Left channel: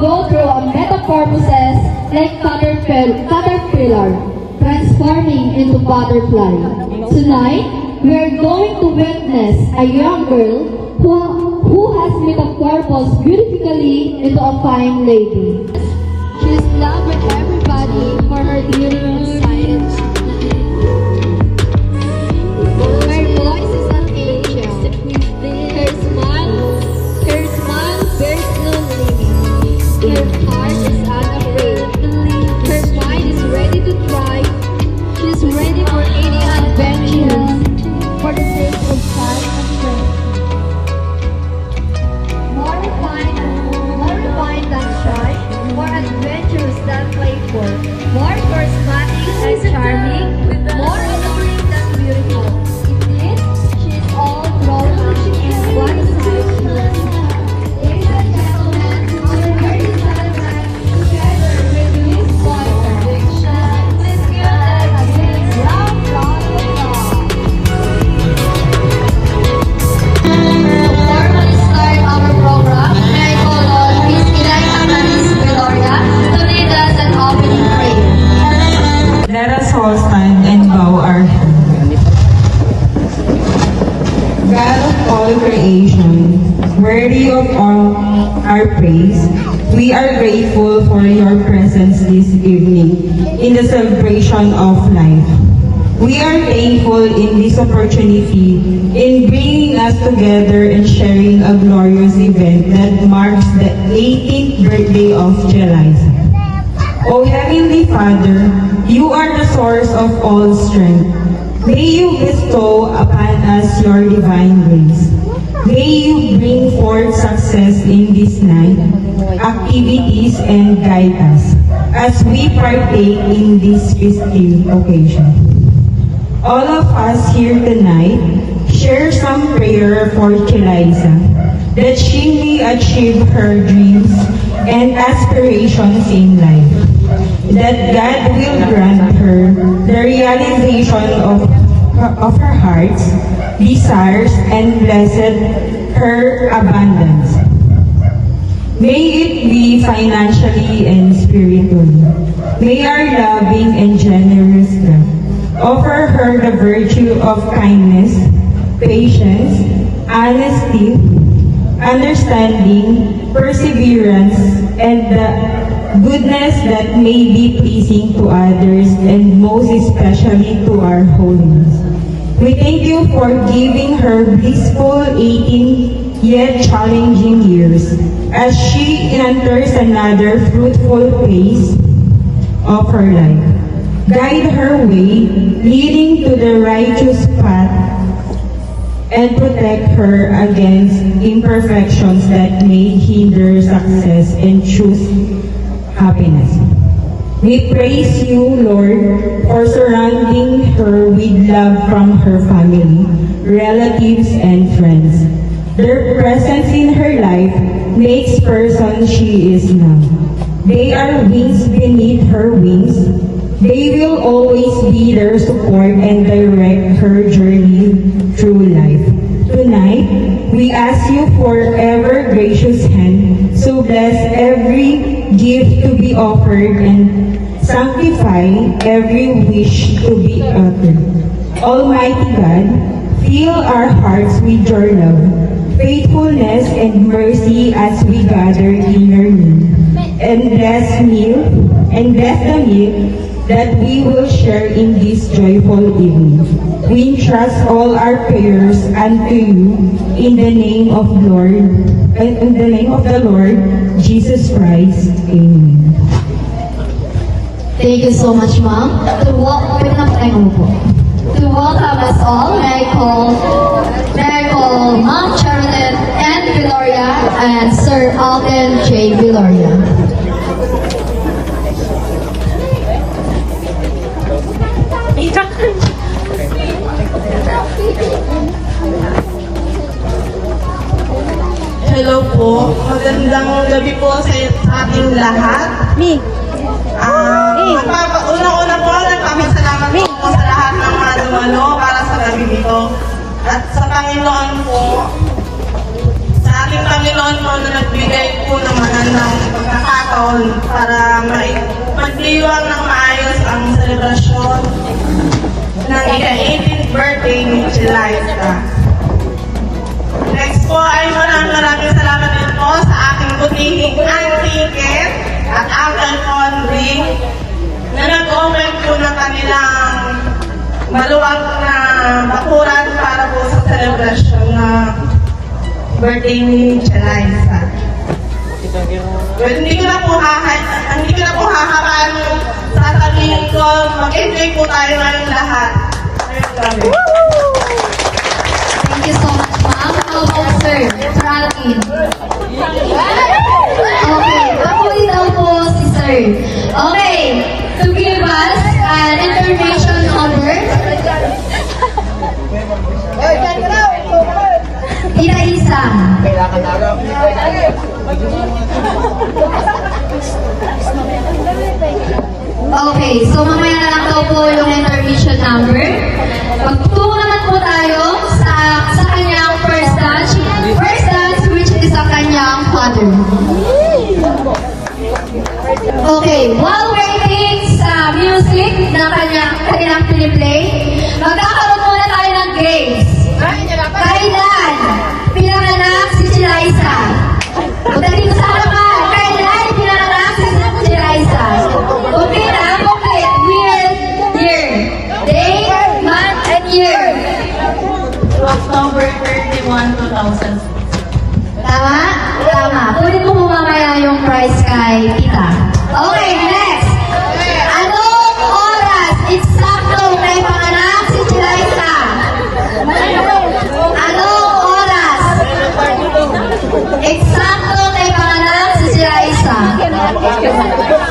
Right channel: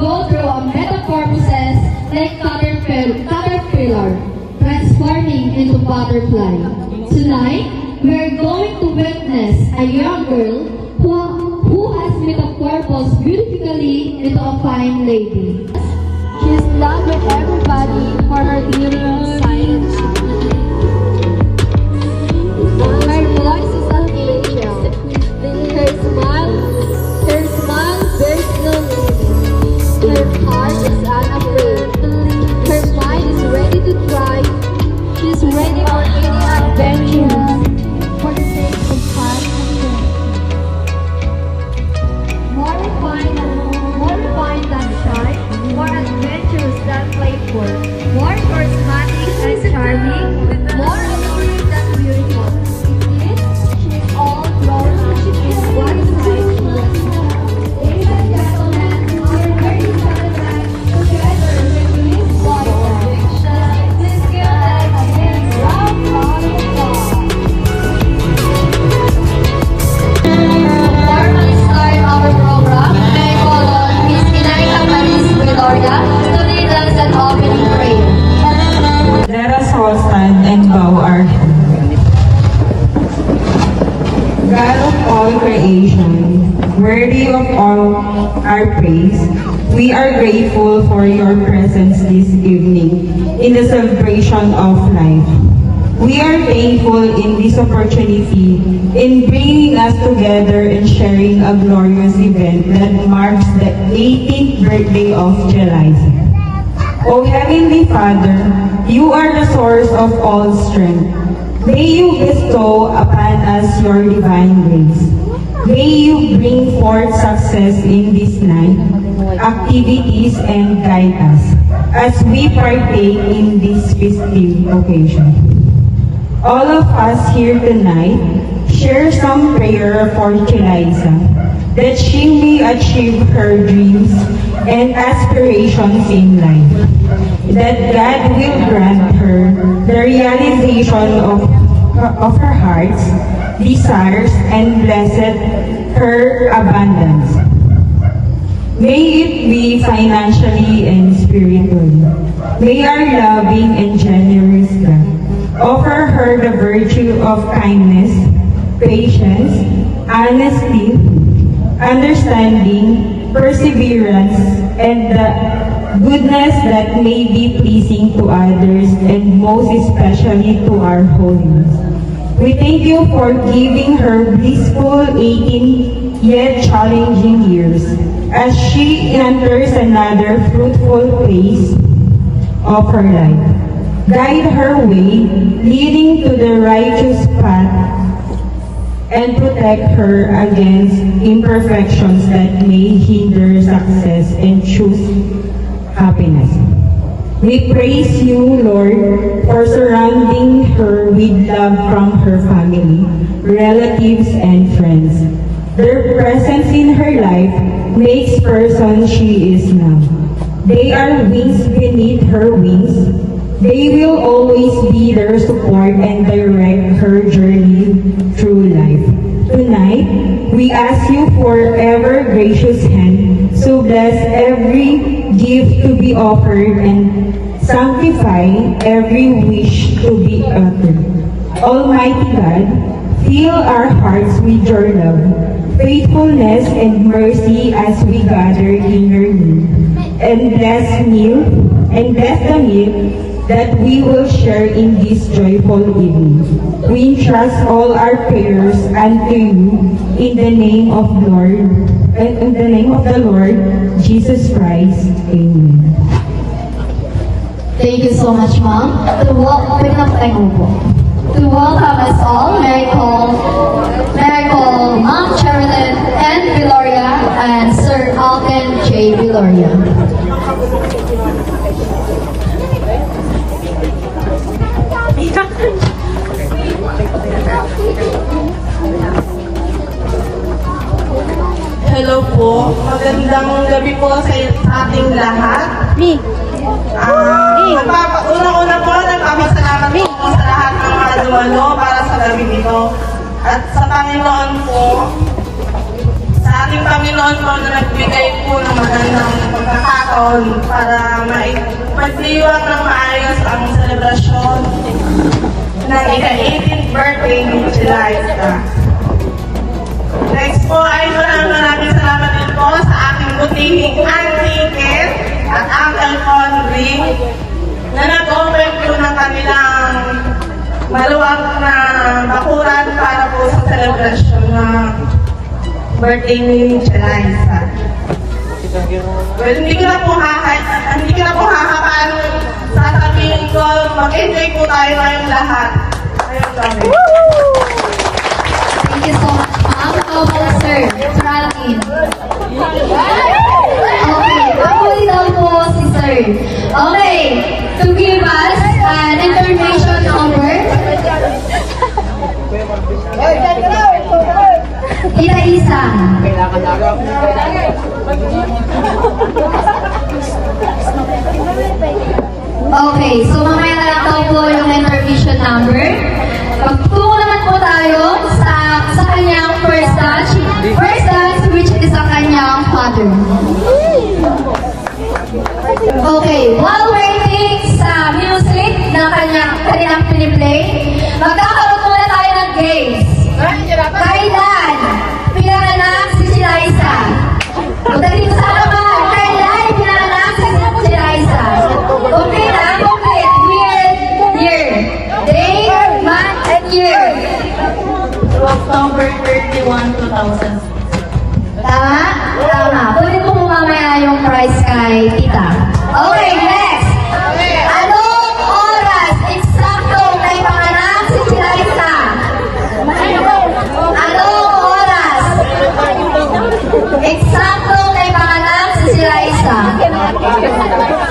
go through a metamorphosis like caterpillar, transforming into butterfly. Tonight, we are going to witness a young girl who has metamorphosed beautifully into a fine lady. She is loved by everybody for her beauty and silence. Her voice is an angel. Her smile bears no limit. Her heart is unafraid. Her mind is ready to try. She is ready for any adventure for the sake of fun and friendship. More refined than shy, more adventurous than playful, more charismatic and charming, more alluring than beautiful. Indeed, she is all glory. She is one size fits all. Ladies and gentlemen, we are here to celebrate together with Louise Boyfriend. Please give them a big round of applause. Formally start our program, may I call on Miss Inay Amaris Gloria to lead us in opening prayer. Let us all stand and bow our heads. God of all creation, worthy of all our praise, we are grateful for your presence this evening in the celebration of life. We are thankful in this opportunity in bringing us together and sharing a glorious event that marks the 18th birthday of Jelisa. O Heavenly Father, you are the source of all strength. May you bestow upon us your divine grace. May you bring forth success in this night, activities, and guide us as we partake in this festive occasion. All of us here tonight share some prayer for Jelisa, that she may achieve her dreams and aspirations in life, that God will grant her the realization of her heart's desires and blessed her abundance. May it be financially and spiritually. May our loving and generous God offer her the virtue of kindness, patience, honesty, understanding, perseverance, and the goodness that may be pleasing to others and most especially to our holiness. We thank you for giving her blissful 18 yet challenging years as she enters another fruitful phase of her life. Guide her way, leading to the righteous path, and protect her against imperfections that may hinder success and choose happiness. We praise you, Lord, for surrounding her with love from her family, relatives, and friends. Their presence in her life makes person she is now. They are wings beneath her wings. They will always be their support and direct her journey through life. Tonight, we ask you for ever gracious hand, so bless every gift to be offered and sanctify every wish to be uttered. Almighty God, fill our hearts with your love, faithfulness, and mercy as we gather in your name, and bless the meal that we will share in this joyful evening. We entrust all our prayers unto you in the name of the Lord Jesus Christ. Amen. Thank you so much, Ma'am. To welcome us all, may I call Ma'am Charlotte and Gloria and Sir Alden J. Gloria. Hello po, magandang gabi po sa ating lahat. Una-una po, nagpapasalamat po sa lahat ng mga dumalo para sa gabi nito. At sa Panginoon po, sa ating Panginoon po na nagbigay po ng magandang pagkakain. maluwag na bakuran para po sa celebration na birthday ni Chelaisa. Well, hindi ko na po kakakaan sasabihin ko, mag-enjoy po tayo ng lahat. Ngayong gabi. Thank you so much, ma'am. Sir, Franklin. Okay, pakulit daw po si Sir. Okay, to give us an information number. Tita Isa. Okay, so mamaya na lang daw po yung information number. Magtungo naman po tayo sa kanyang first touch. First touch, which is sa kanyang father. Okay, while waiting sa music na kanyang piniplay, magkakaroon muna tayo ng games. Kailan pinanganak si Chelaisa? Pagdating sa naman, kailan pinanganak si Chelaisa? Okay na, complete. Year, day, month, and year. October 31, 2000. Tama? Tama. Pwede po mamaya yung prize kay tita. Okay, next. Anong oras eksakto na ipanganak si Chelaisa? Anong oras eksakto na ipanganak si Chelaisa?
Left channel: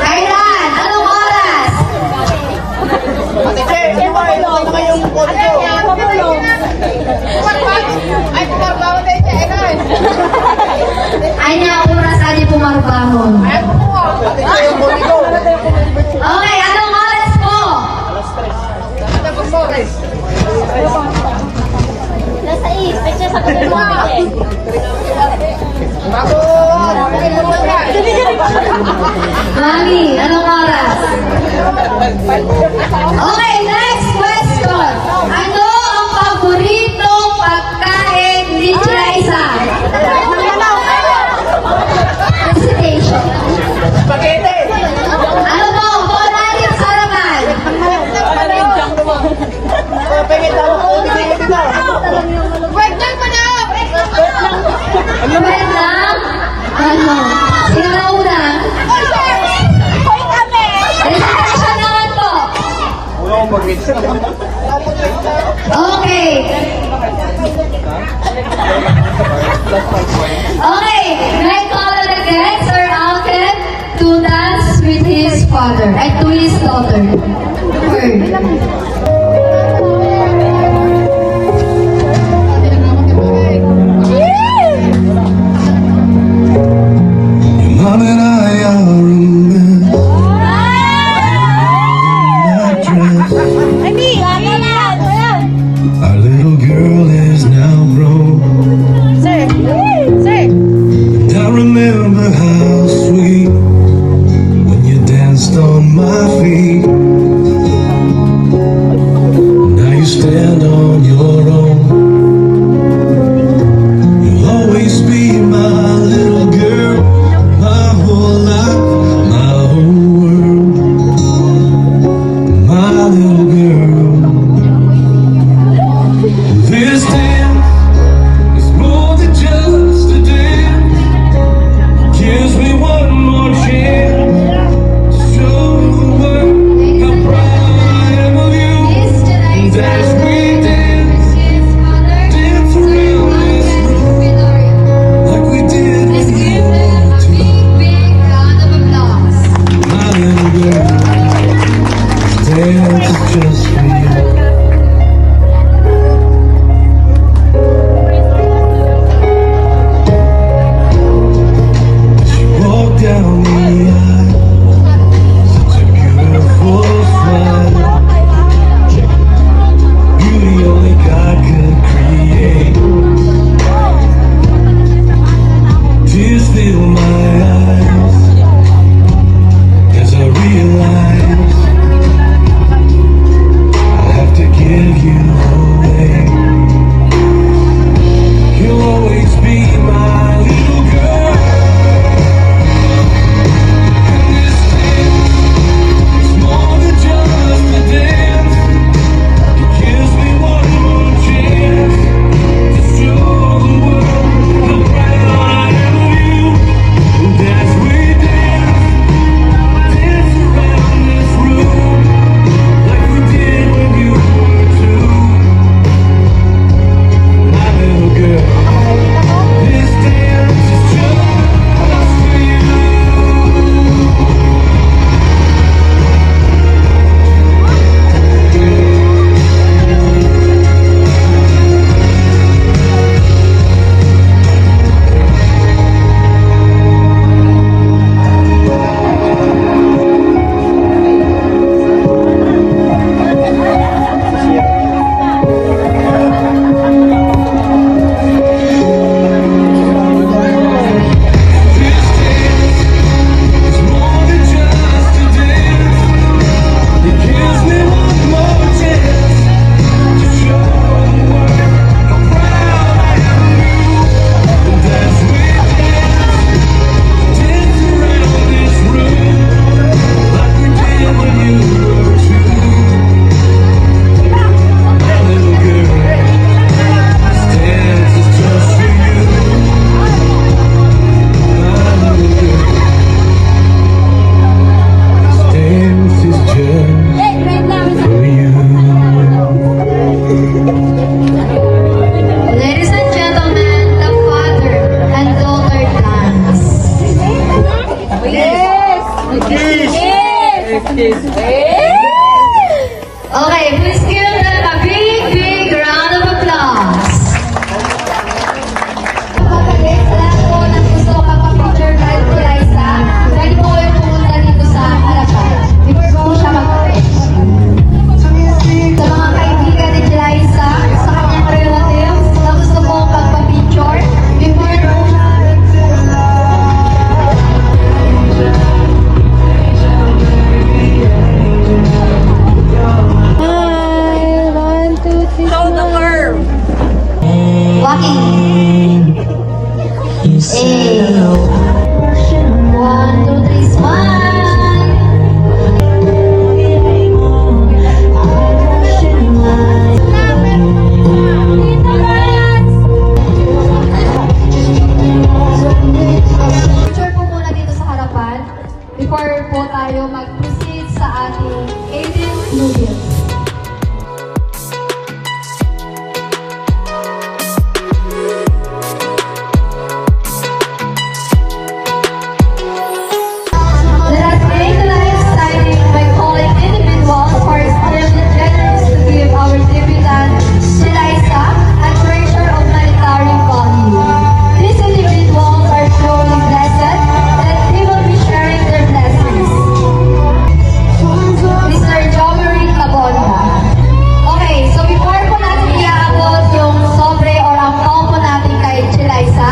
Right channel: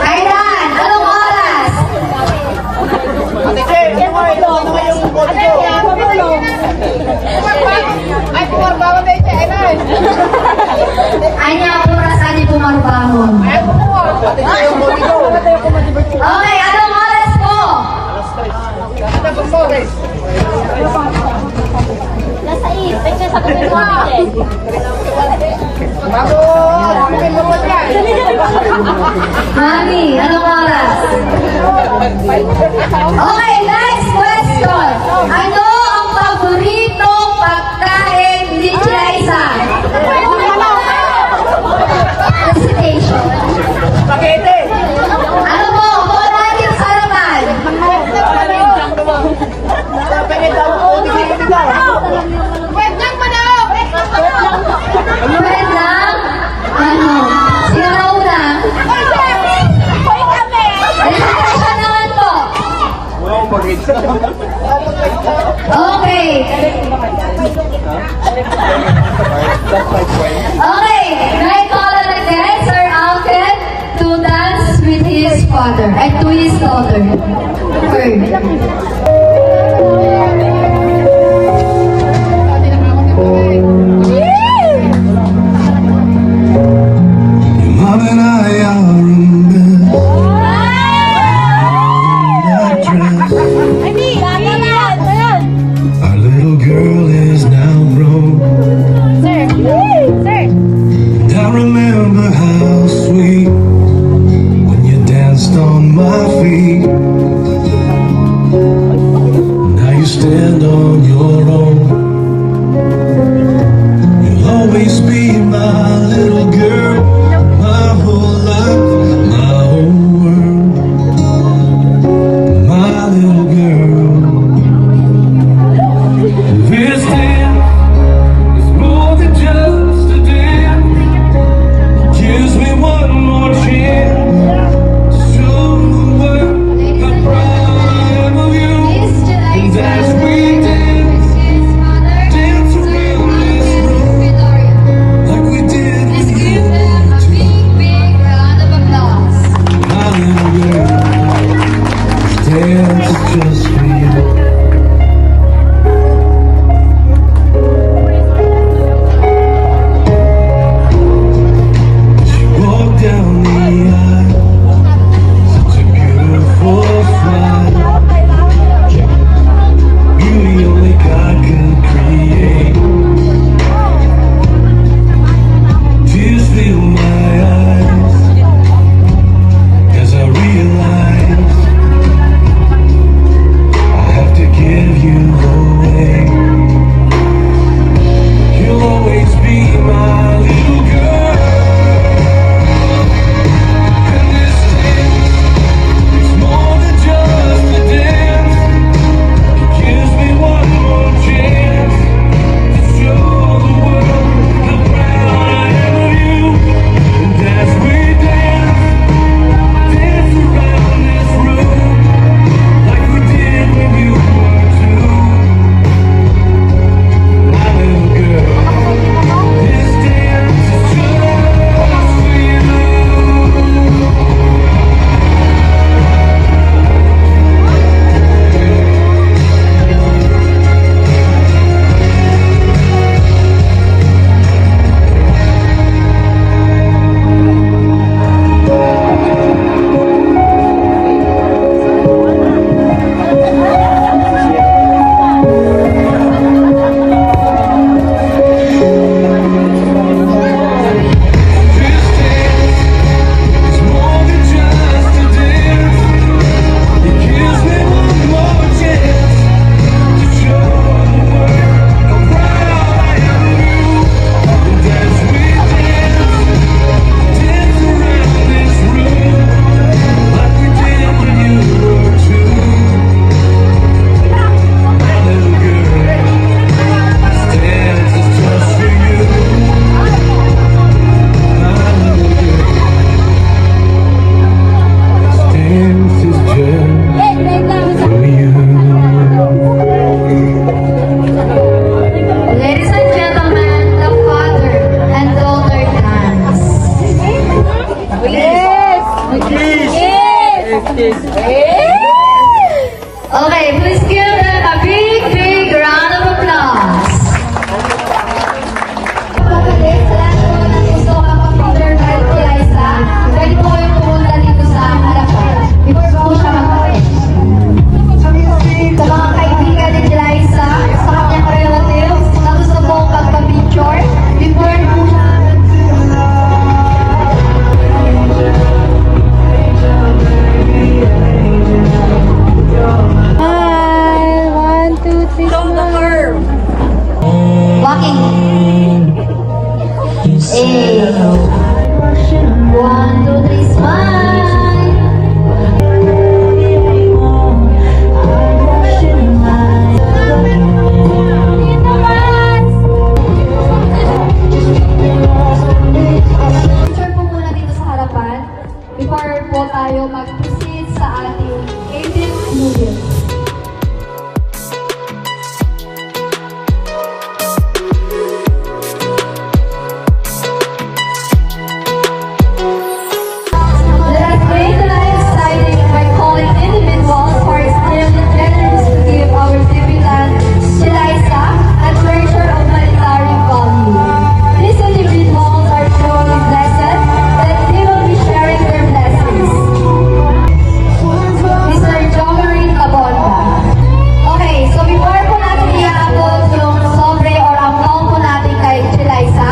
Kailan? Anong oras? Ay niya po na saan po magbangon. Okay, anong oras po? Nasa picture sa kanila. Mami, anong oras? Okay, next question. Ano ang paboritong pagkain ni Chelaisa? Recitation. Ano po? Volunteer harapan. Wait lang. Ano? Sinaw na. Recitation naman po. Okay. Okay, right call again, Sir Alfred, to dance with his father and to his daughter. Third. More than I remember that dress. Our little girl is now grown. And I remember how sweet when you danced on my feet. Okay, please give them a big round of applause. Gusto ko makapicture kahit kulay sa, pwede po kayo pumunta dito sa harapan. Before po siya makapit. Sa mga kaibigan ni Liza, sa kanyang relatives, na gusto po magpapicture, before po siya walking. Hey. 1, 2, 3, smile. Picture po muna dito sa harapan before po tayo mag-proceed sa ating Aiden Noodles. Let us make life exciting by calling individuals who are extremely generous to give our debutante, Eliza, a treasure of monetary value. These individuals are truly blessed that they will be sharing their blessings. Mr. Jomarin Abonda. Okay, so before po natin i-upload yung sobre or ang phone po natin kay Eliza,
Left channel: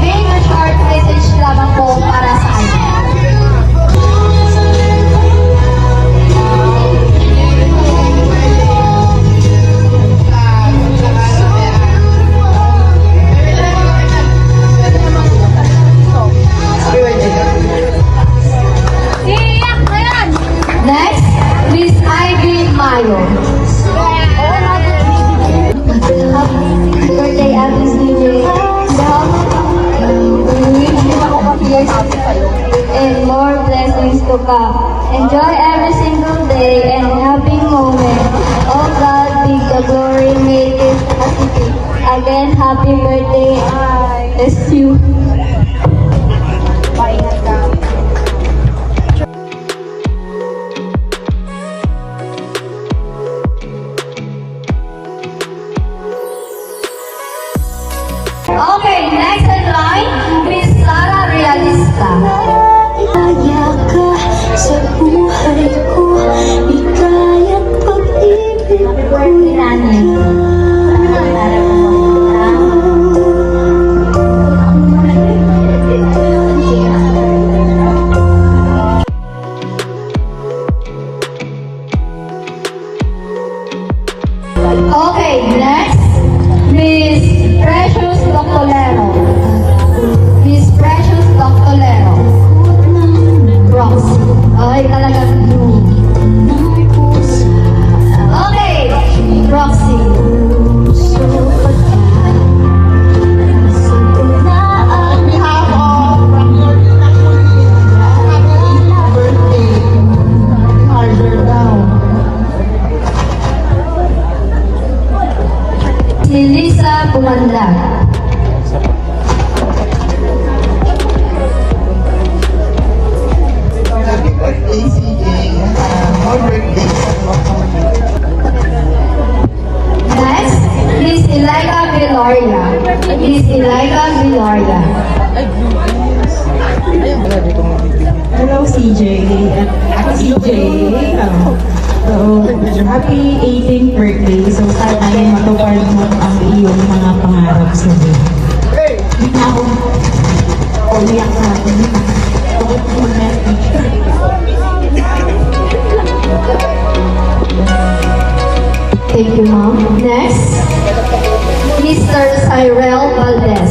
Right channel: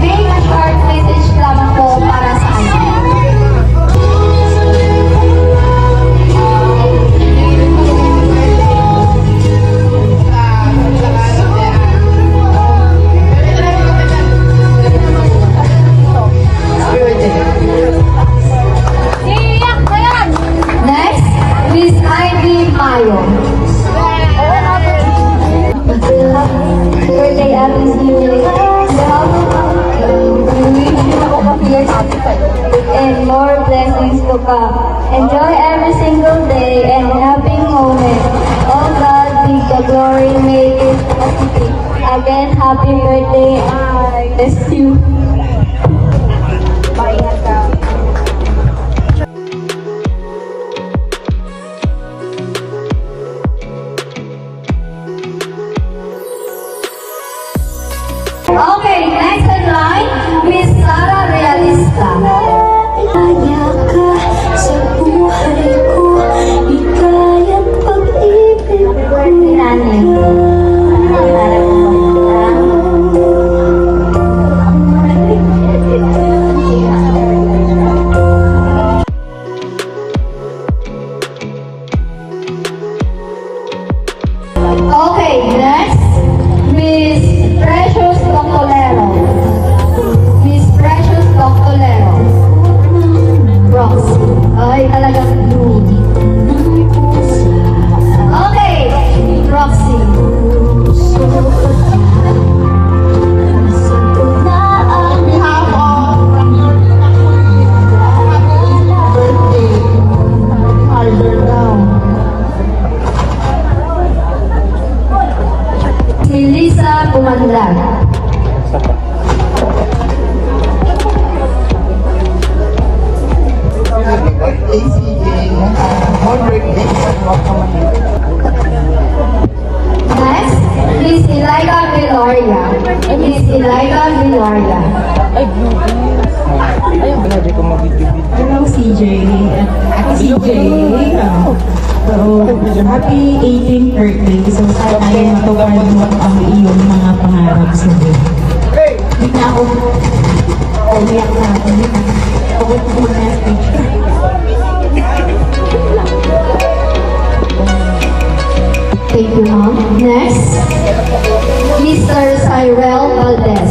make a short message lamang po para sa kanya. Next, Miss Ivy Mayo. Birthday happy and more blessings to come. Enjoy every single day and happy moment. Oh God, be the glory, make it again. Happy birthday, bless you. Okay, next in line, Miss Sara Realista. Kaya ka sa buhay ko, ika'y ang pag-ibig Happy birthday, Nanay. Okay, next, Miss Precious Doctolero. Miss Precious Doctolero. Roxy. Ay, talagang blue. Okay, Roxy. Si Lisa Bumandag. Next, Miss Eliza Viloria. Miss Eliza Viloria. Hello, CJ. CJ, happy 18th birthday. So, sana yung tuwag ang iyong mga pangarap sa buhay. Hindi na ako. Umiyak na ako. Thank you, Mom. Next, Mr. Cyril Valdez.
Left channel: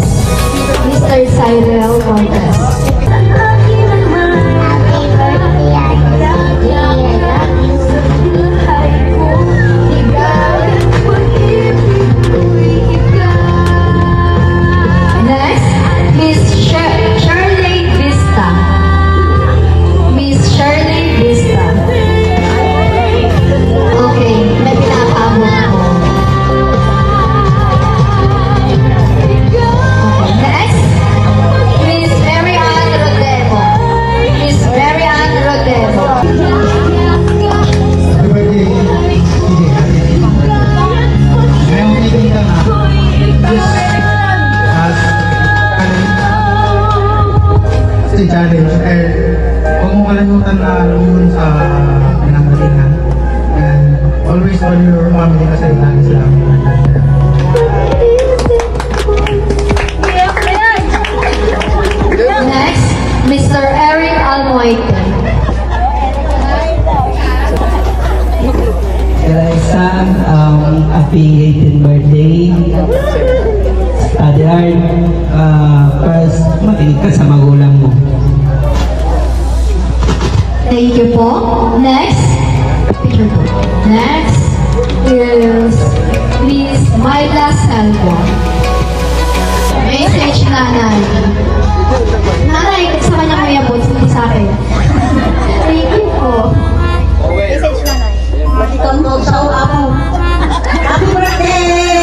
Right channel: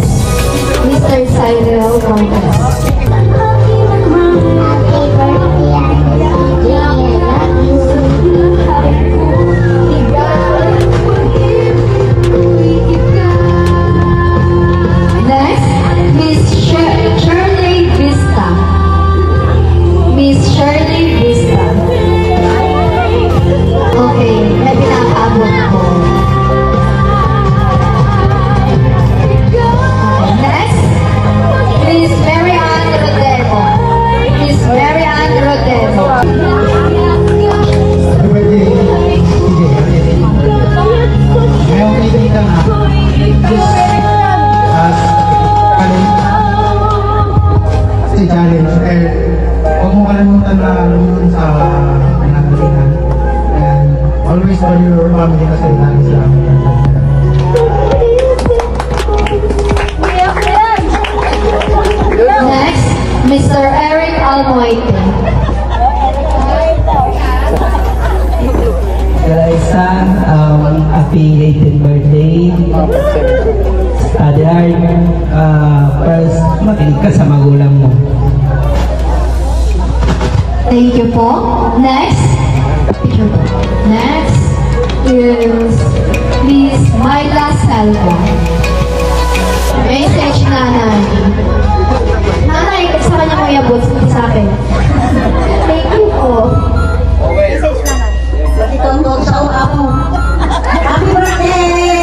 Mr. Cyril Valdez. Next, Miss Shirley Vista. Miss Shirley Vista. Okay, may pinapabot ko. Next, Miss Mary Ann dahil kung makalimutan na lumun sa pinanggalingan. And always value your family kasi dahil sila. Next, Mr. Eric Almoite. Isang affiliated birthday. Adelard, first, makinig ka sa magulang mo. Thank you po. Next, picture po. Next is Miss Myla Salvo. Message nanay. Nanay, sa kanya kuya po, sa akin. Thank you po. Message na na. Pati tondo sa ako. Happy birthday!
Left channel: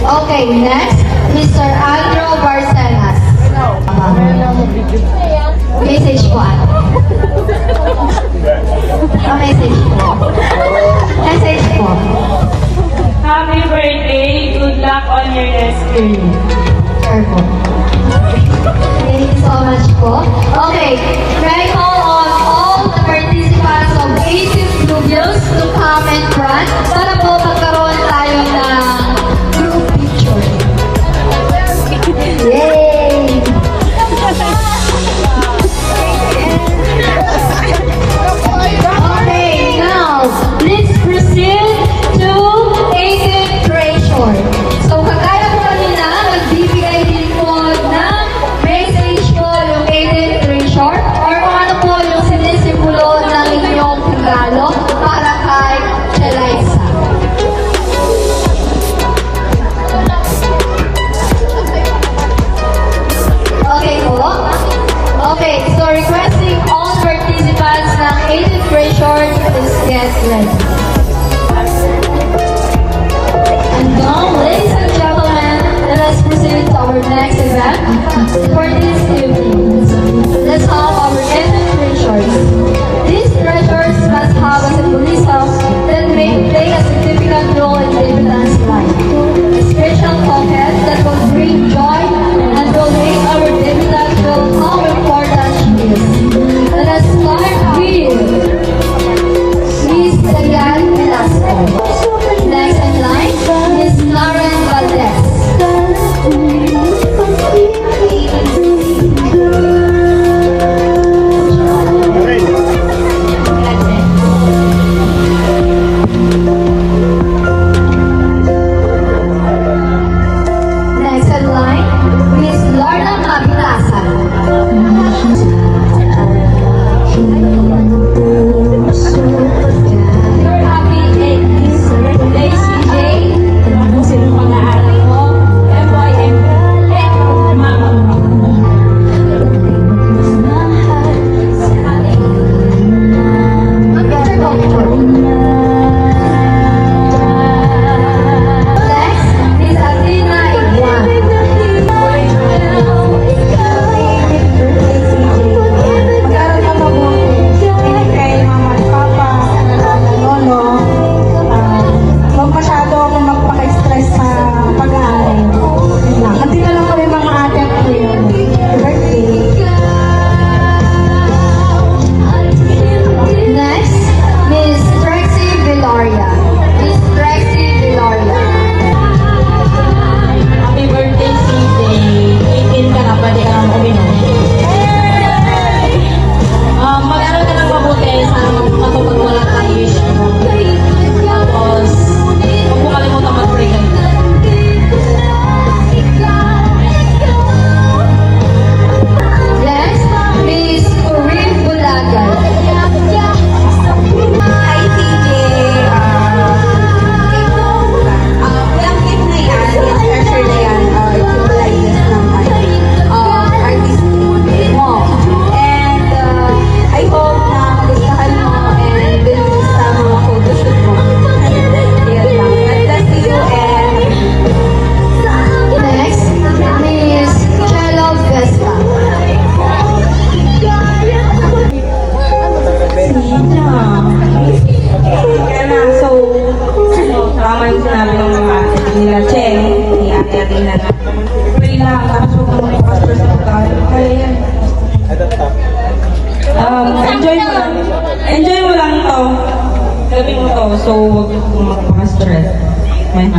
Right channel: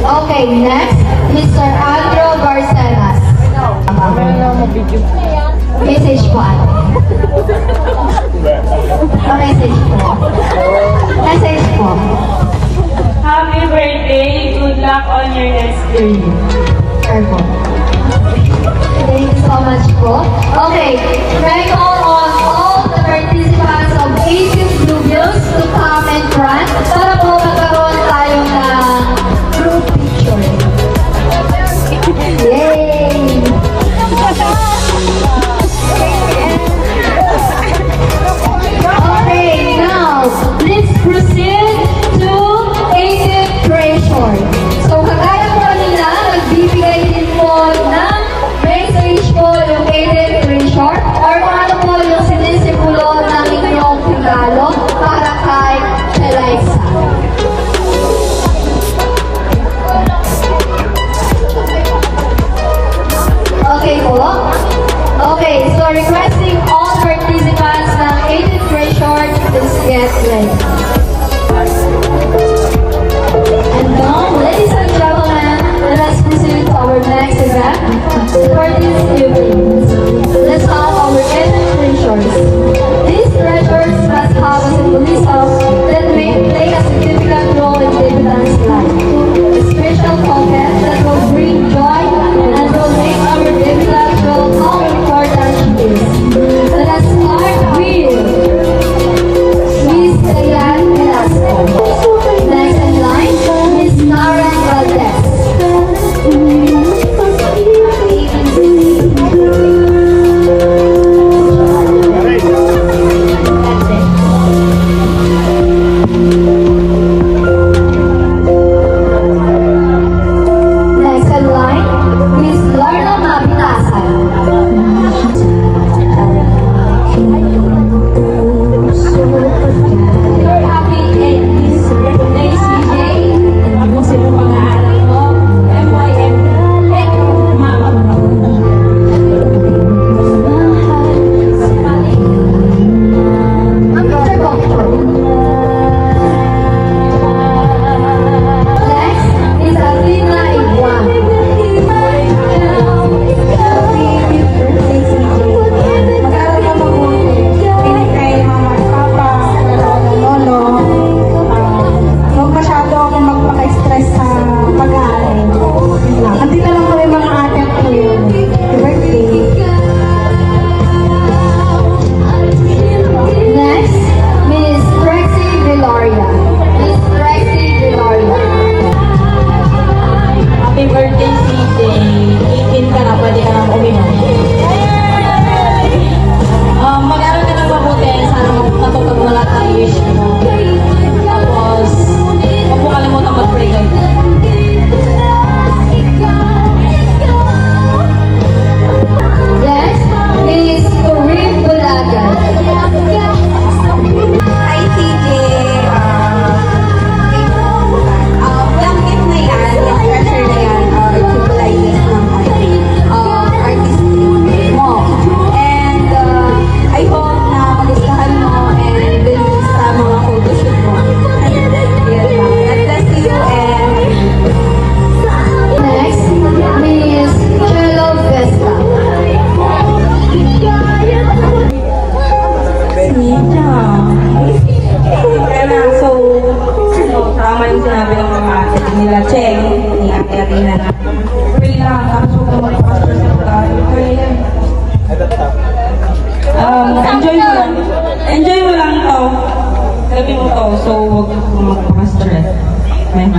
Okay, next, Mr. Andrew Barcenas. Message po. Message po. Message po. Happy birthday! Good luck on your next journey. Sure po. Thank you so much po. Okay, right on all the participants of Basic Bluebills to come and run para po magkaroon tayo ng group picture. Yay! Okay, now, let's proceed to 18th treasure. So, kagaya po kanina, nagbibigay din po ng message po yung 18th treasure or mga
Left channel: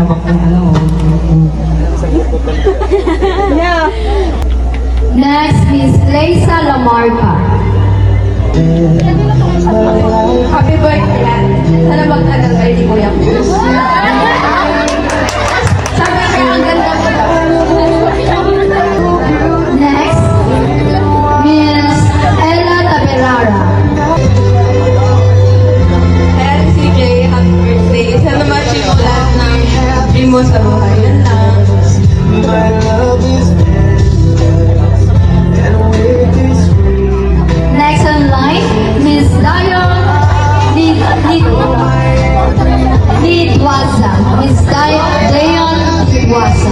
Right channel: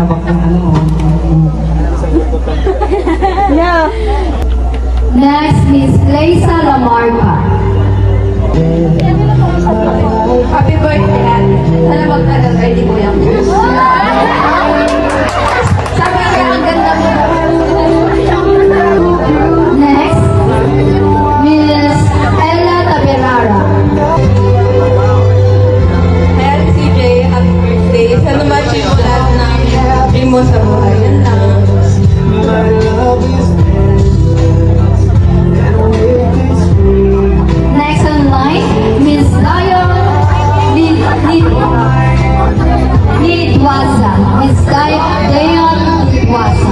hawak ng ano. Next, Miss Leisa Lamarca. Happy birthday. Sana magtagal kayo ni Kuya. Sabi ka, ang ganda. Next, Miss Ella Taberara. LCJ, happy birthday. Sana ma-achieve lahat ng dream mo sa buhay. Yan lang. Next on line, Miss Zion Nidwaza. Miss Zion Nidwaza.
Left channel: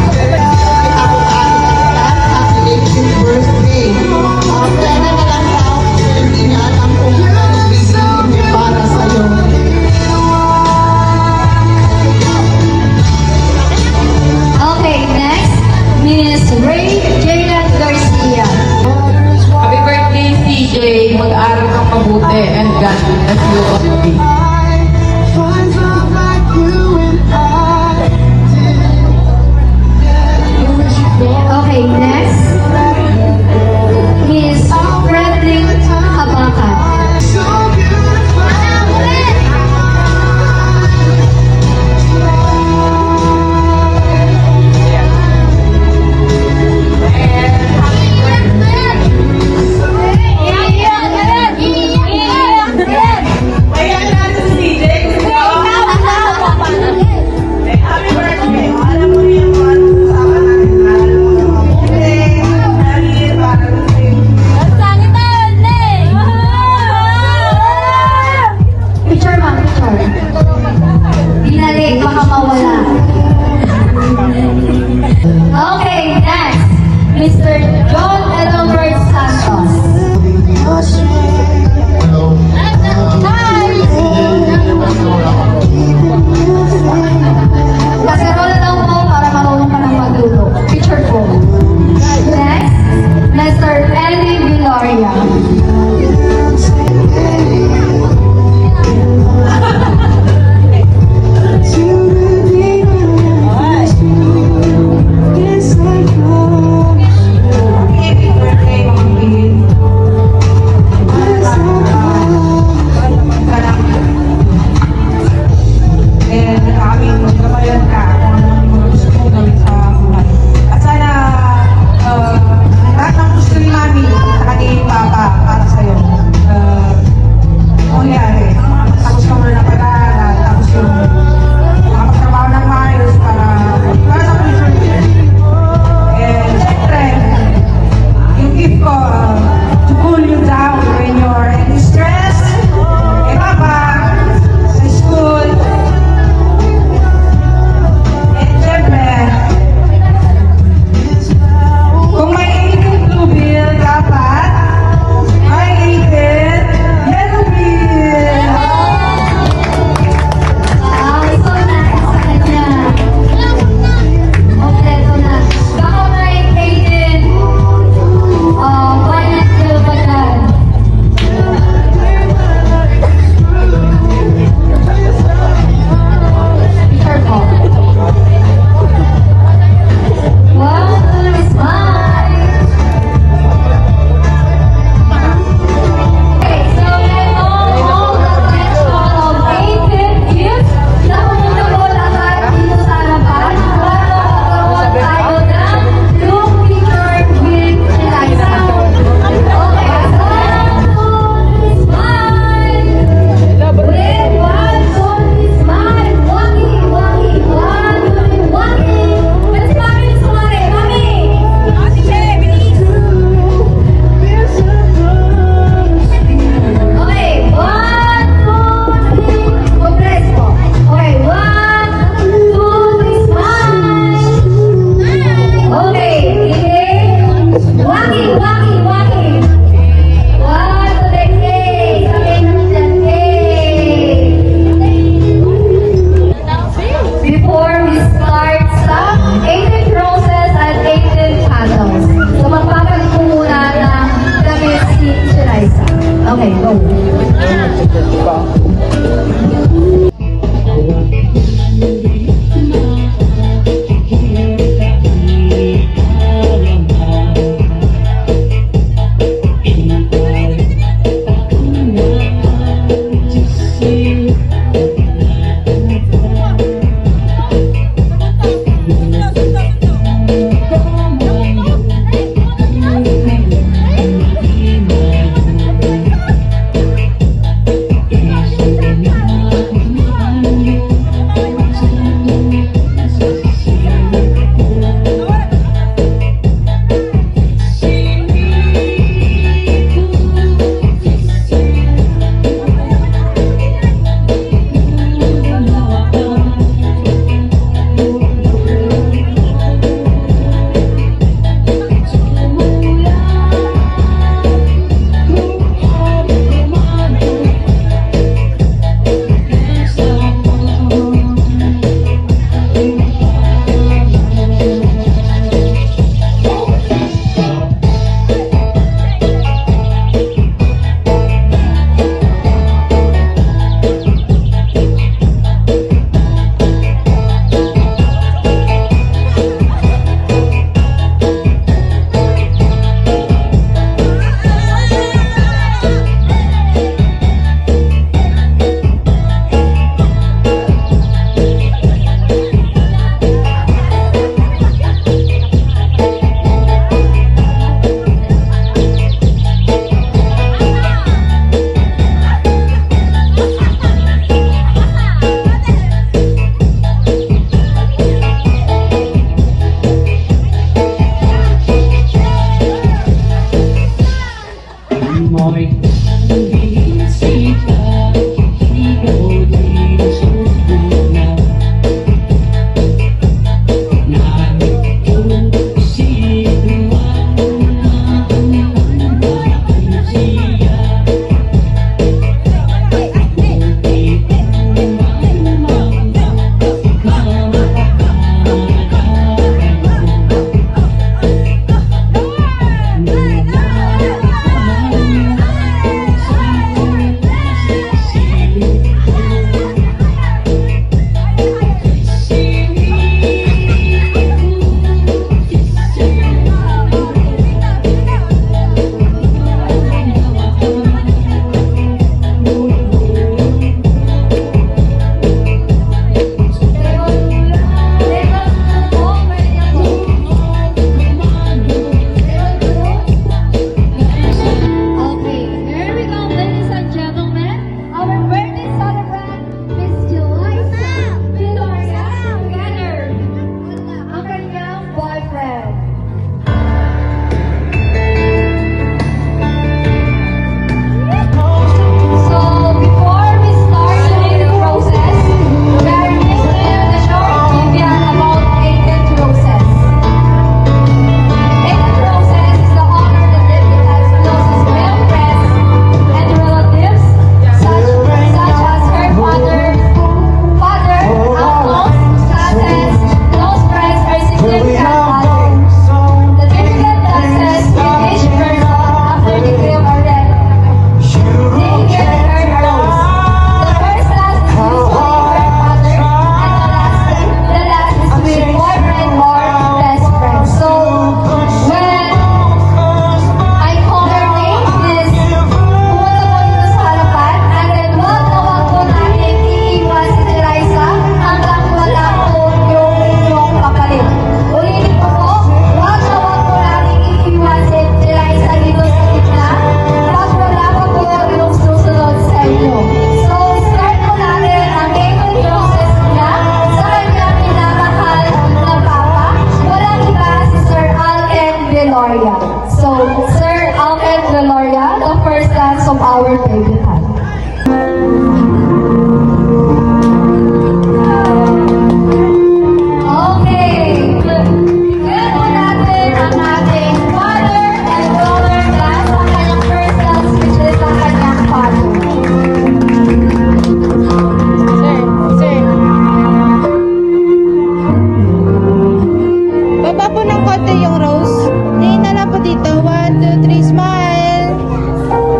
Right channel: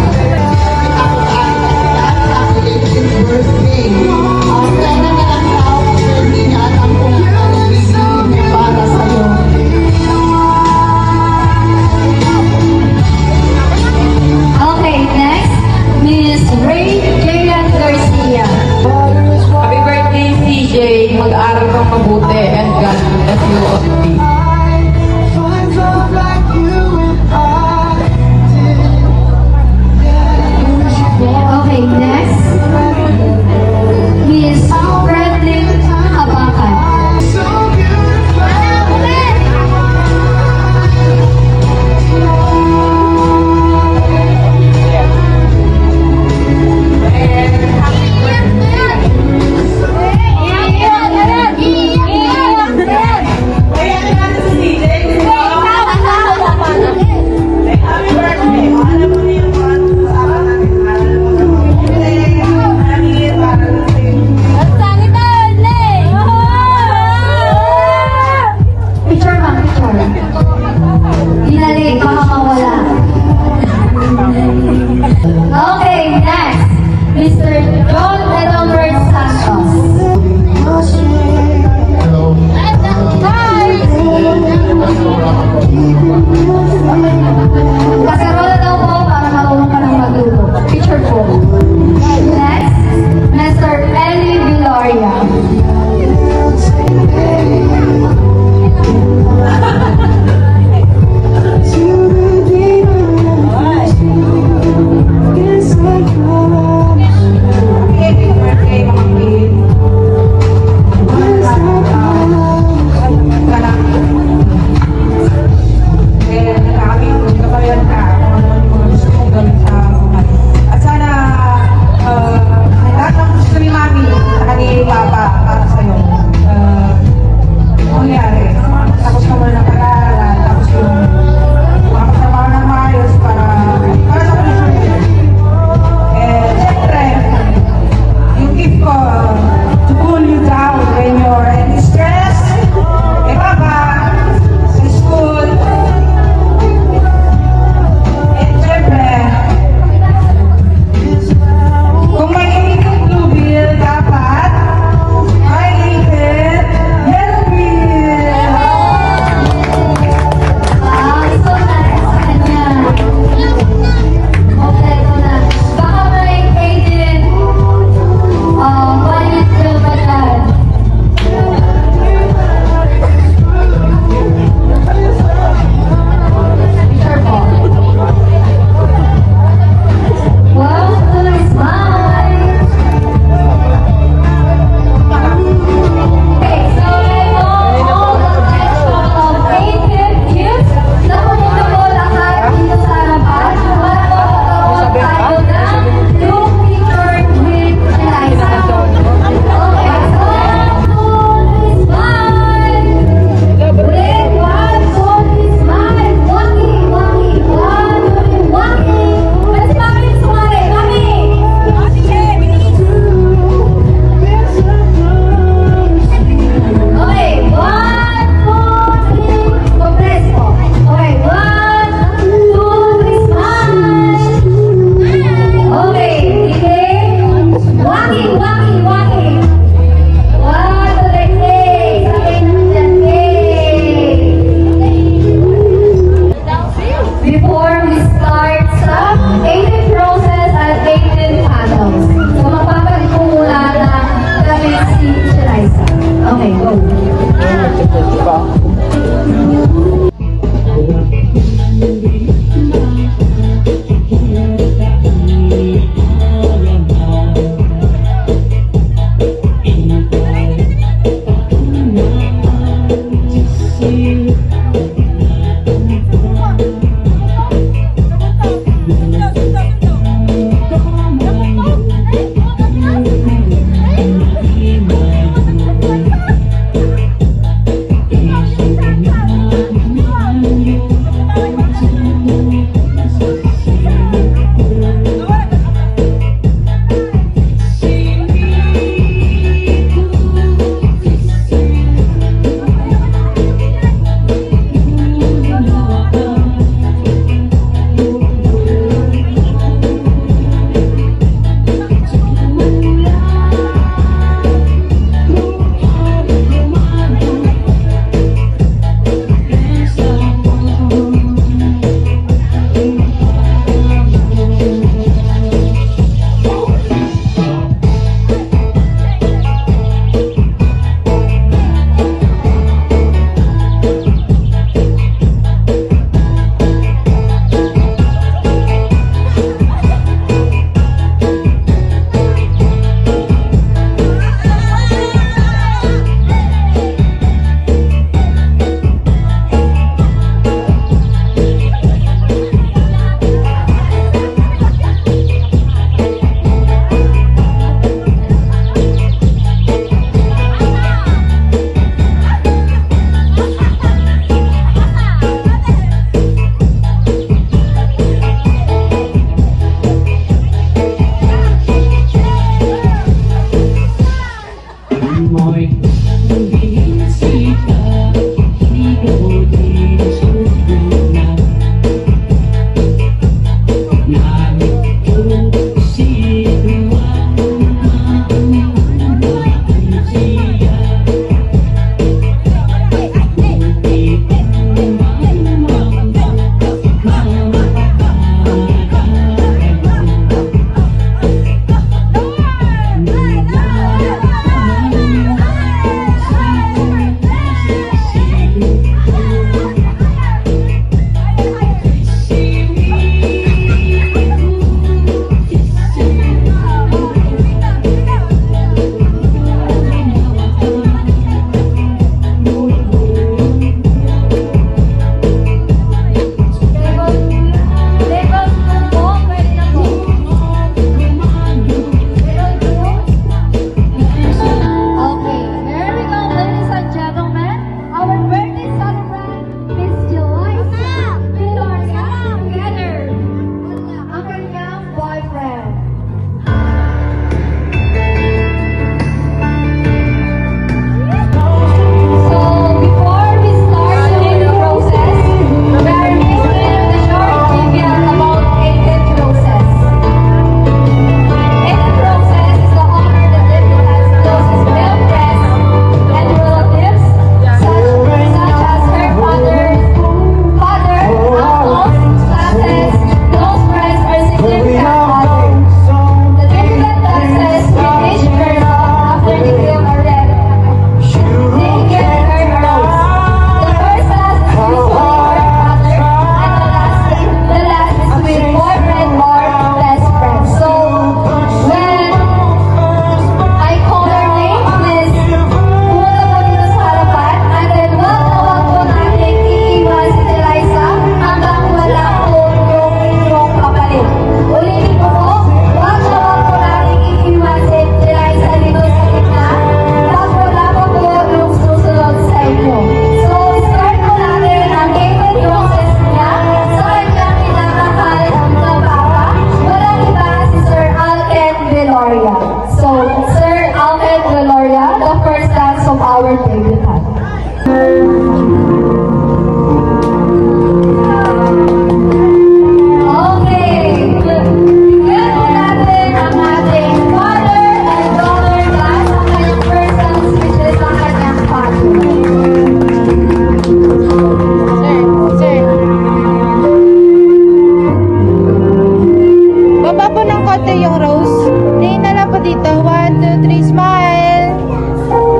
dito. 1, 2, 3, smile.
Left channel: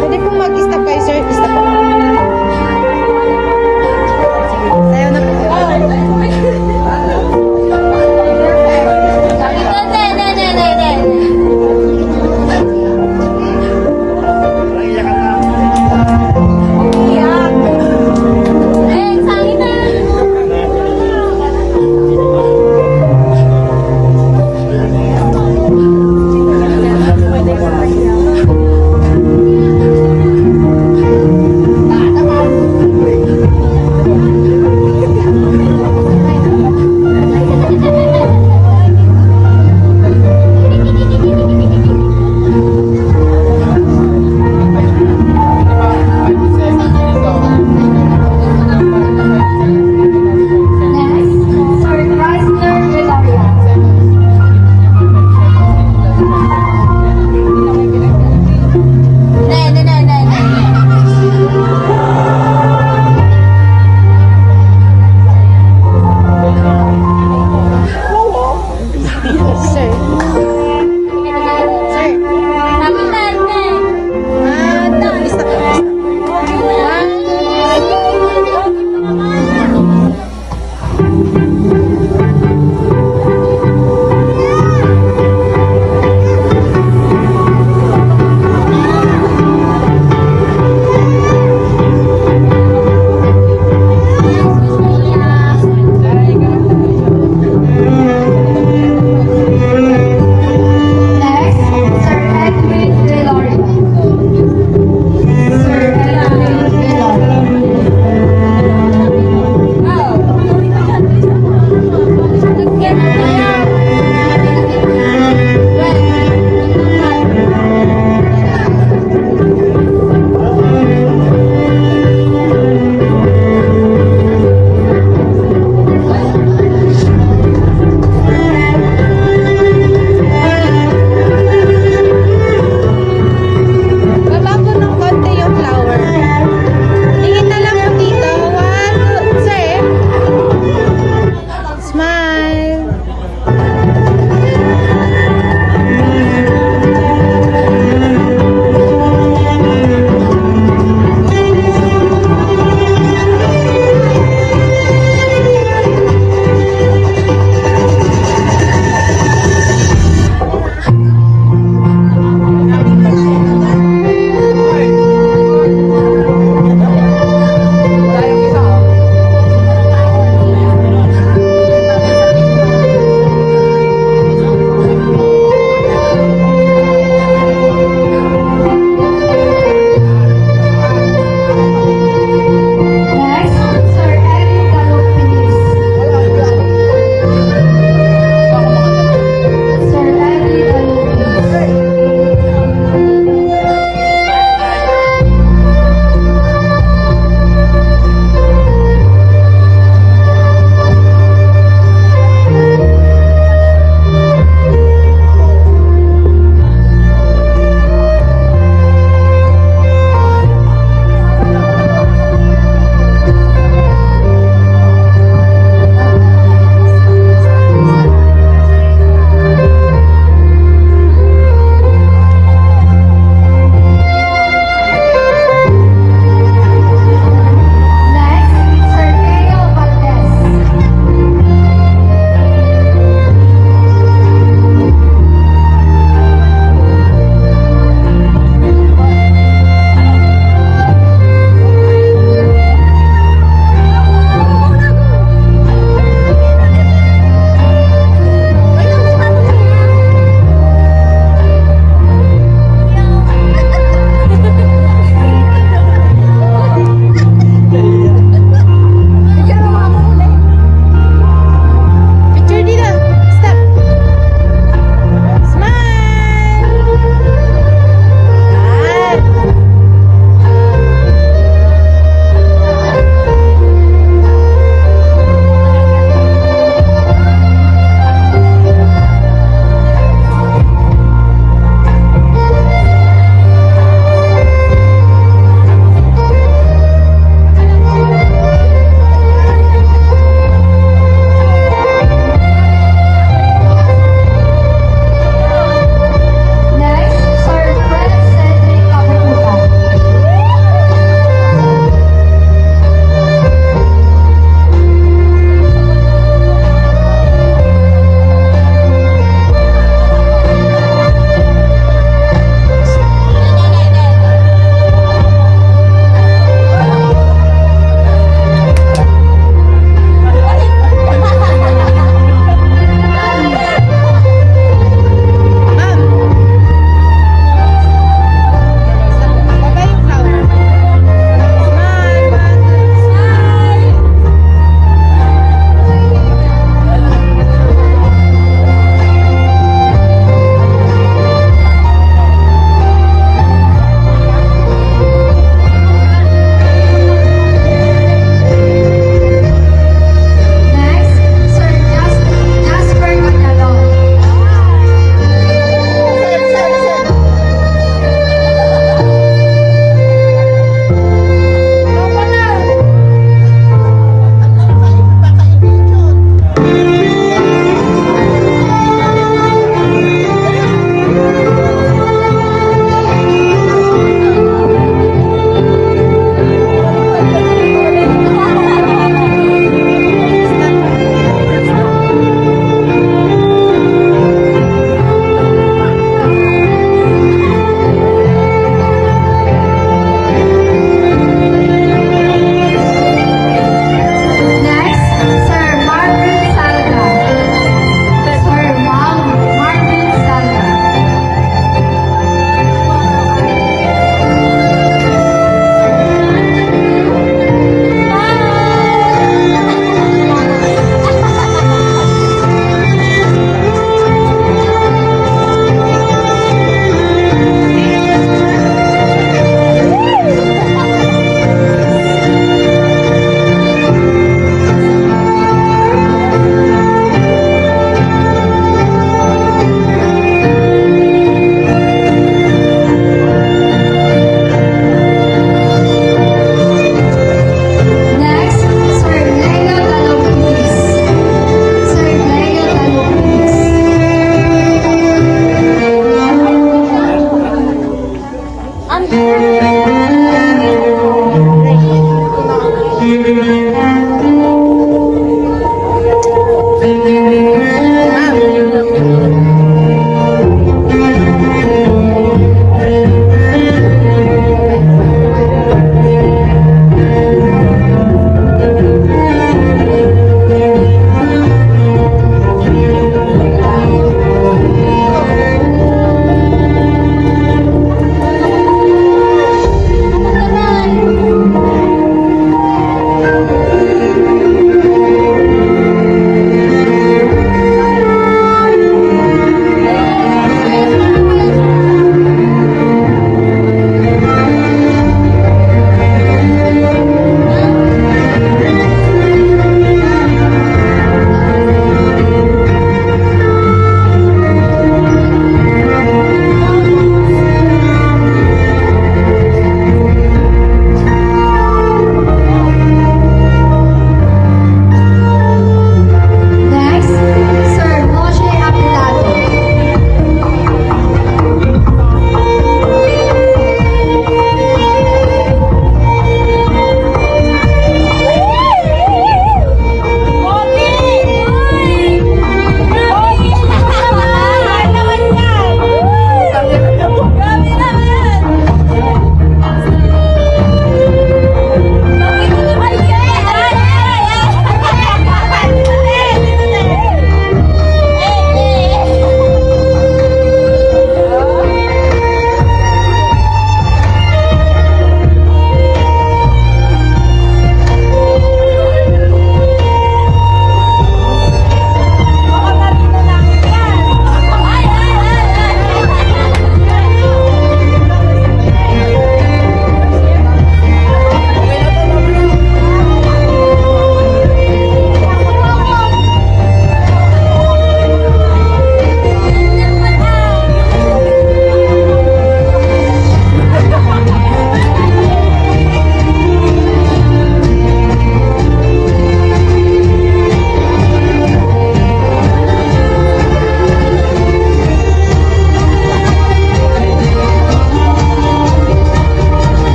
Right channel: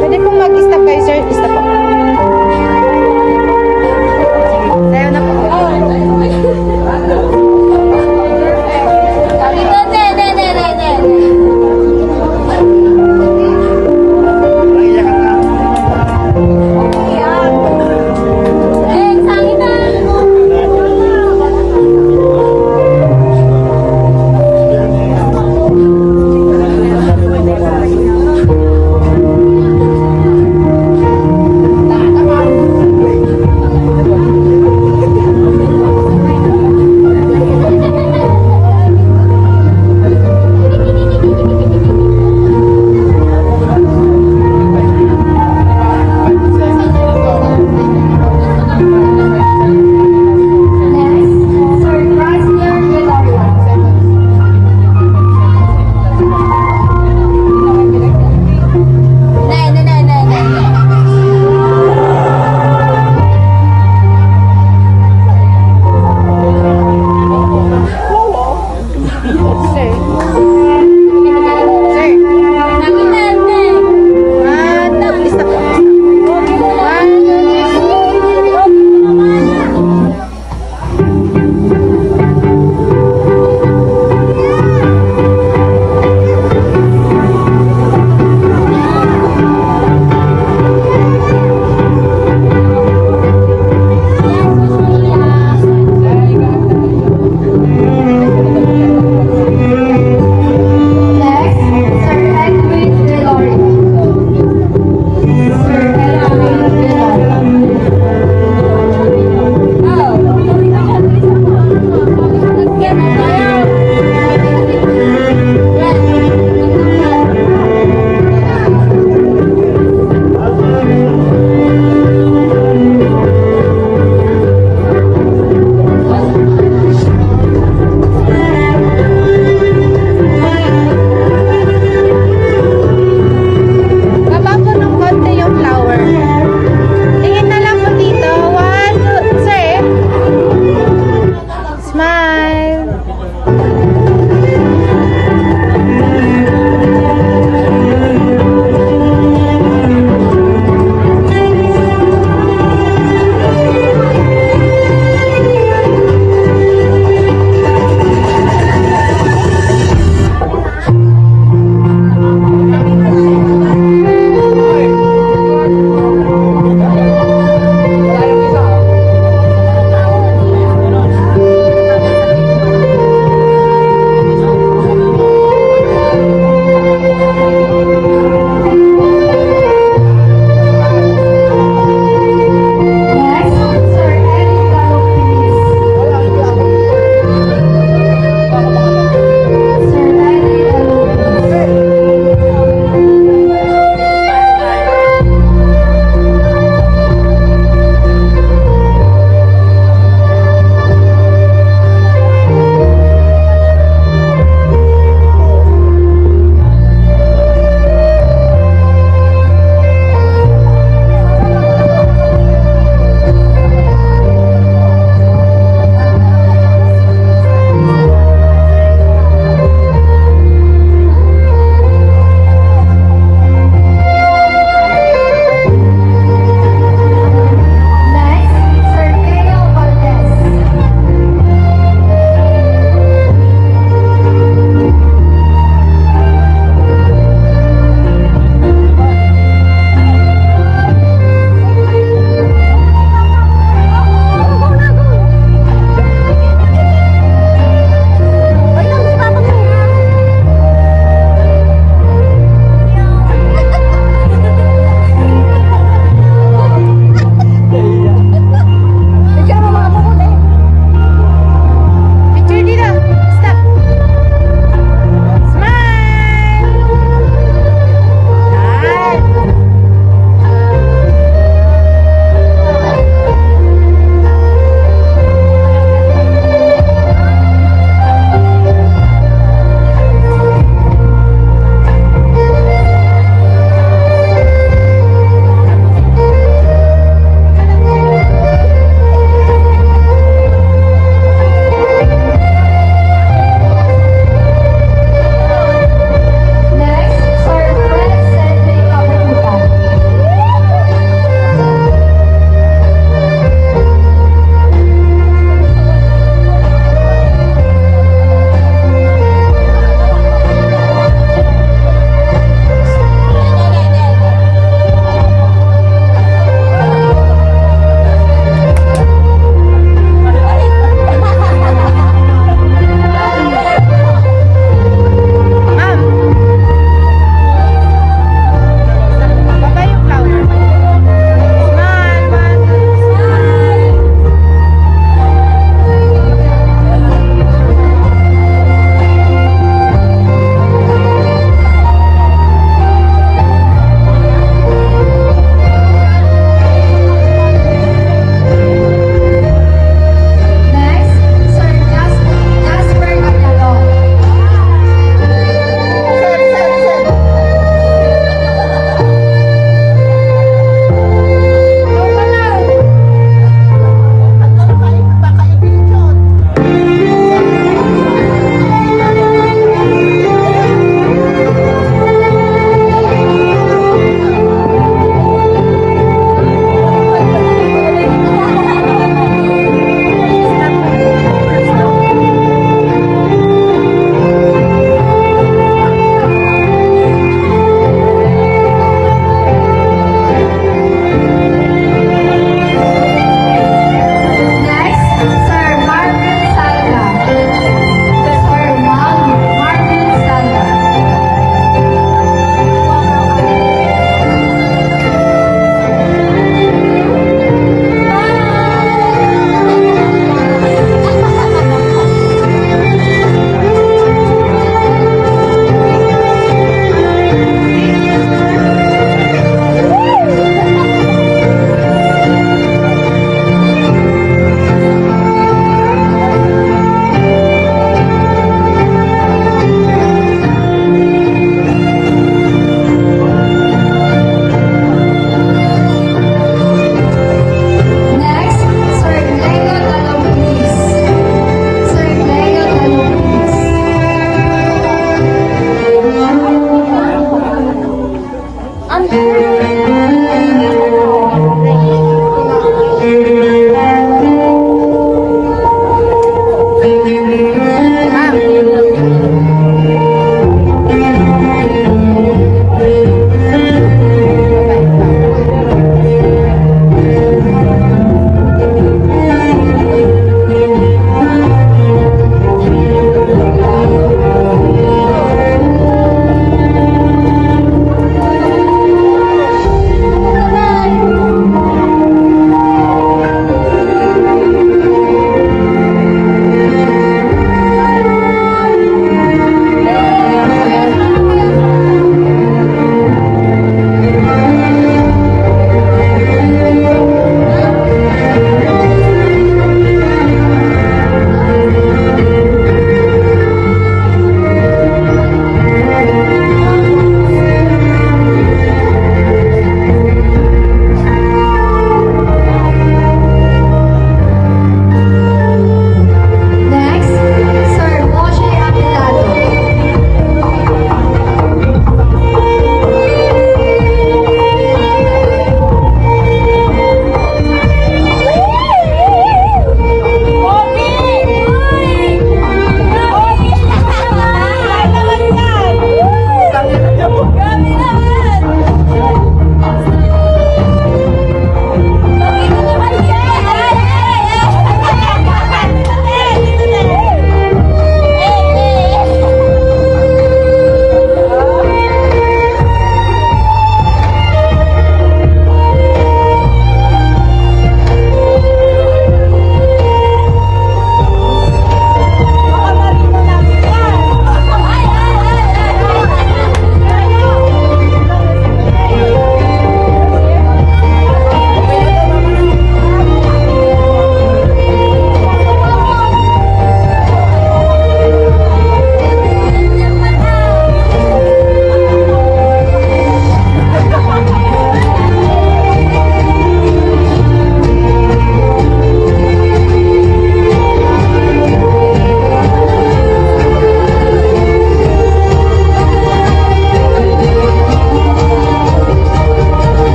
Pwede pong mag-stop kayo, sir. Stop po. Tayo na po.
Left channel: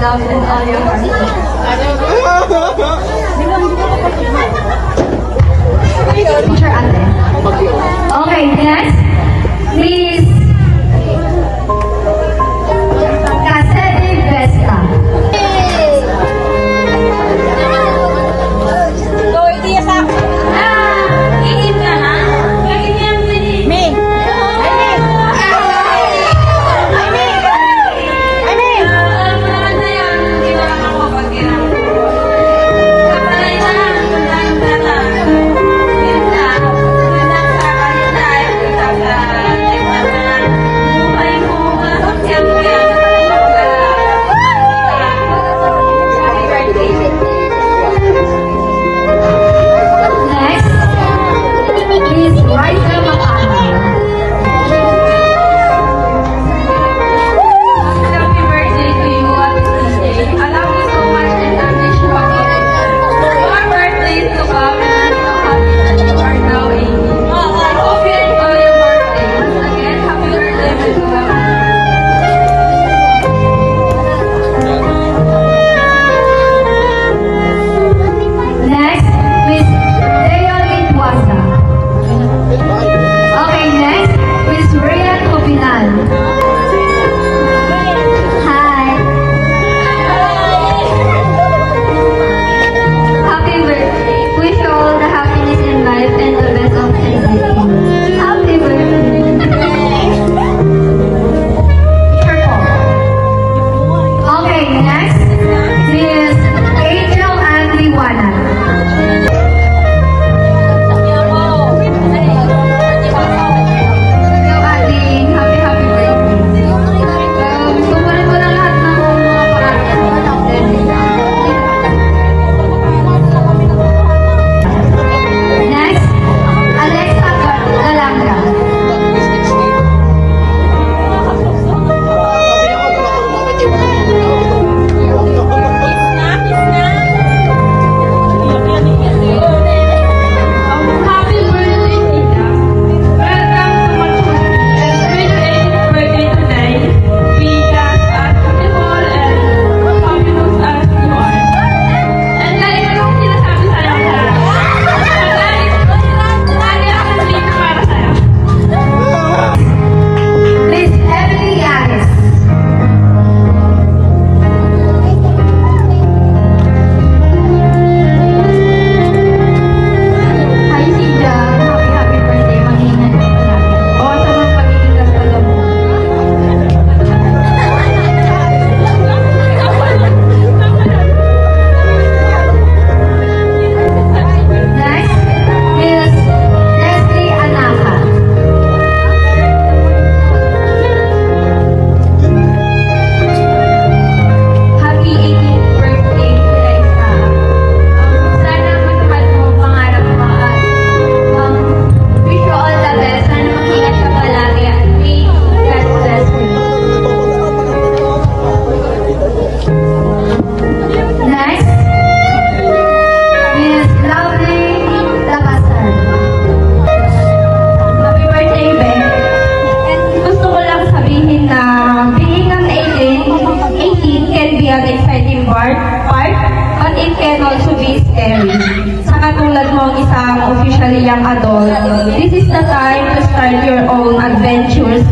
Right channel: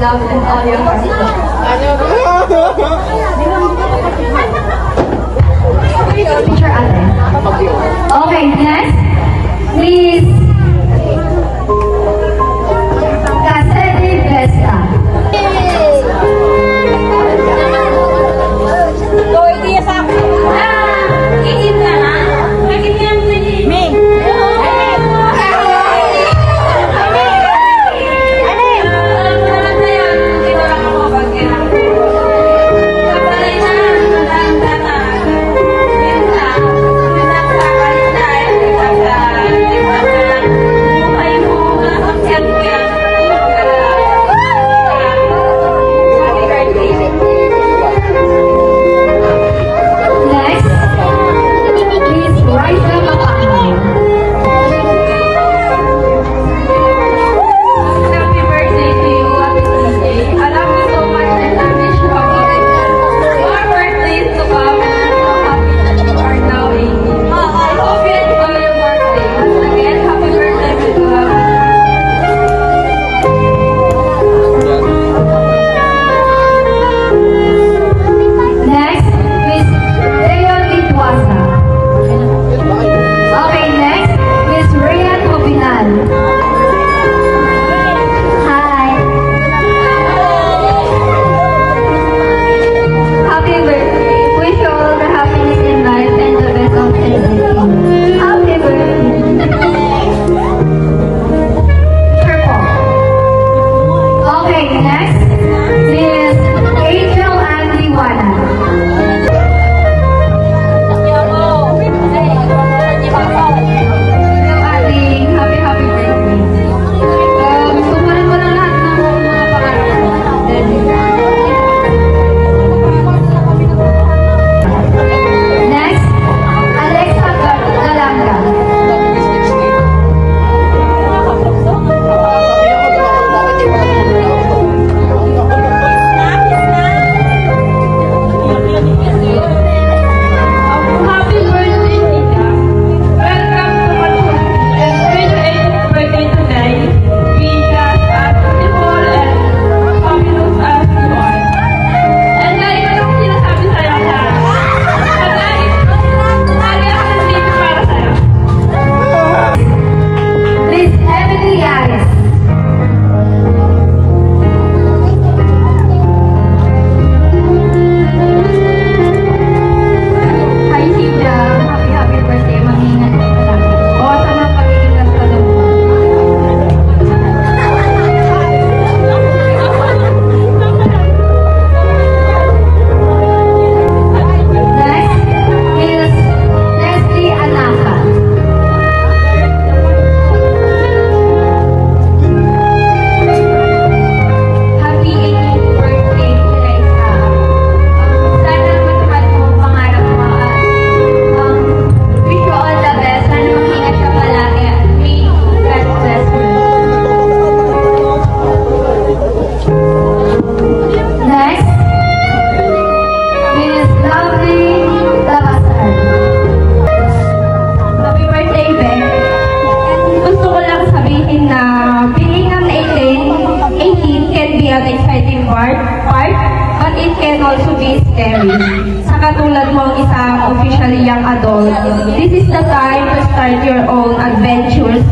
love, and all your heart. Picture ate. Okay, next. Miss Cassidy Vesta.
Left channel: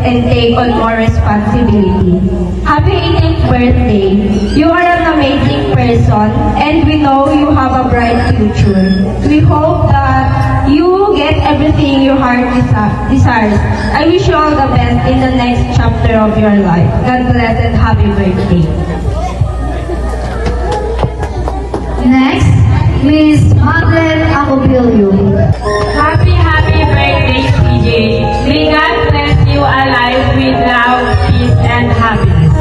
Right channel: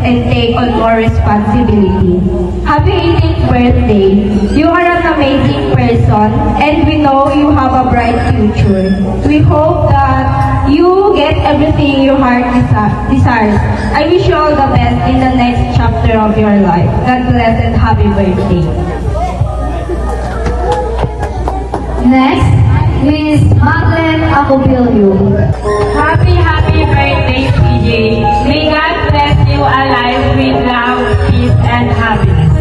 and take on more responsibility. Happy 18th birthday. You are an amazing person and we know you have a bright future. We hope that you get everything your heart desires. I wish you all the best in the next chapter of your life. God bless and happy birthday. Next, Miss Madeleine Acobilio. Happy birthday, CJ. May God bless you alive with love, peace, and happiness.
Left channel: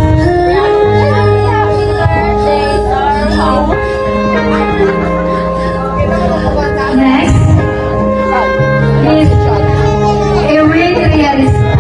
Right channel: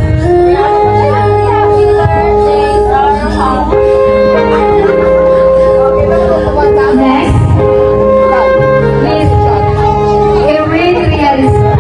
Next, Miss Erin Realista.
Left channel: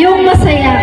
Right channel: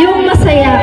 Yung masaya.